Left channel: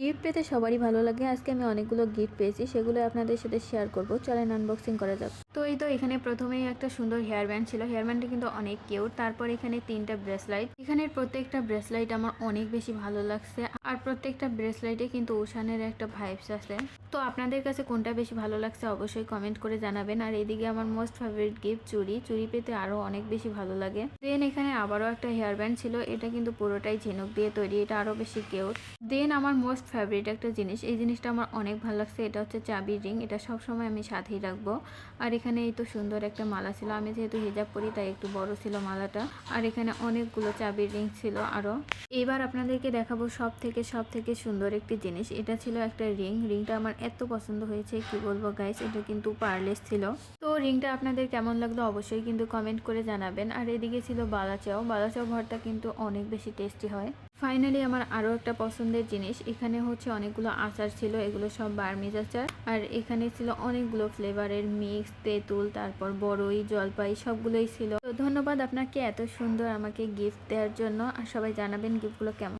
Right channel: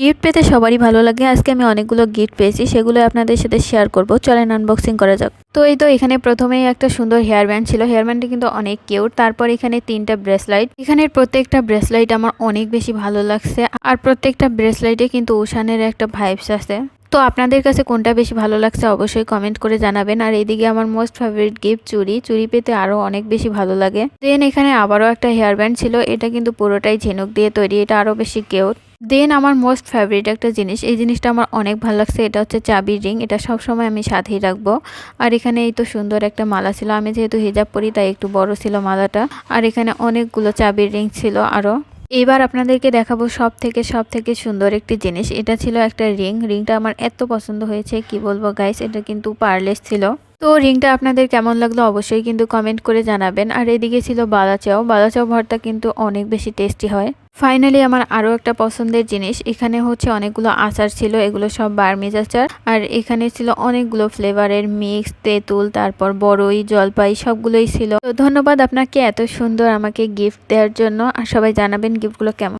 Gift পেতে সবারই ভালো লাগে। আজকে আমি অনেকগুলো গিফট পেয়েছি, সেগুলো আপনাদের সাথে শেয়ার করব। চলেন আনবক্সিং করা যাক। তো এই তো এখানে প্রথমেই একটা সুন্দর হেয়ার ব্যান্ড ছিল। হেয়ার ব্যান্ডটা কিন্তু অনেক কিউট। তারপর এখানে 3টা ব্রেসলাইট। এখানের প্রত্যেকটা ব্রেসলাইট আমার অনেক বেশি ভালো লাগছে। আর প্রত্যেকটা ব্রেসলাইটে কিন্তু ওশানের একটা ভাইবস আছে। তো আপনাদের কাছে কোনটা বেশি ভালো লাগছে অবশ্যই কমেন্ট করে জানাবেন। আর এইদিকে আমার মোস্ট ফেভারিট গিফট চুড়ি পেতে আরো অনেক বেশি ভালো লাগে। দেন এখানে আবারও একটা হেয়ার ব্যান্ড ছিল, এটা কিন্তু পুরোটাই ঝিনুক দিয়ে তৈরি, এটা আরো বেশি কিউট। দেন আমার মোস্ট ফেভারিট একটা জিনিস, এই জিনিসটা আমার অনেক ভালো লাগছে, এটা হচ্ছে চাবির রিং। এটা সব সময় আমি সাথেই রাখবো। আর এখানে এই তো সুন্দর একটা মালা ছিল, আমি যেহেতু হিজাব পরি তাই একটু বড় ছিল মালাটা। আর এখানে অনেকগুলো চাবির রিং ছিল আরো। এবার আপনাদেরকে দেখাবো সব থেকে সুন্দর একটি জিনিস। এটা ছিল একটা রিংটা আমার এত পছন্দ হয়েছে কি বলবো গাইস, এটা কিন্তু পার্লেস ছিল। তো রিংটা আপনাদের কেমন লাগলো অবশ্যই কিন্তু কমেন্ট করে জানাবেন। আর এদিকে ছিল বালাচাও ভর্তা কিন্তু অনেক বেশি টেস্টি হয়। ফাইনালি আমার আরও একটা পছন্দের জিনিস, এখানে হচ্ছে অনেকগুলো আচার ছিল, এগুলো সব বার্মিজ আচার। আর এখানে ছিল অনেকগুলো ফ্লেভারের মিক্স, তেঁতুল, তারপর বড়ই, জলপাই সবগুলোই ছিল। তো ধন্যবাদ আপনাকে এত সুন্দর আমাকে গিফট দেওয়ার জন্য। আর সবাই জানাবেন গিফটগুলো কেমন।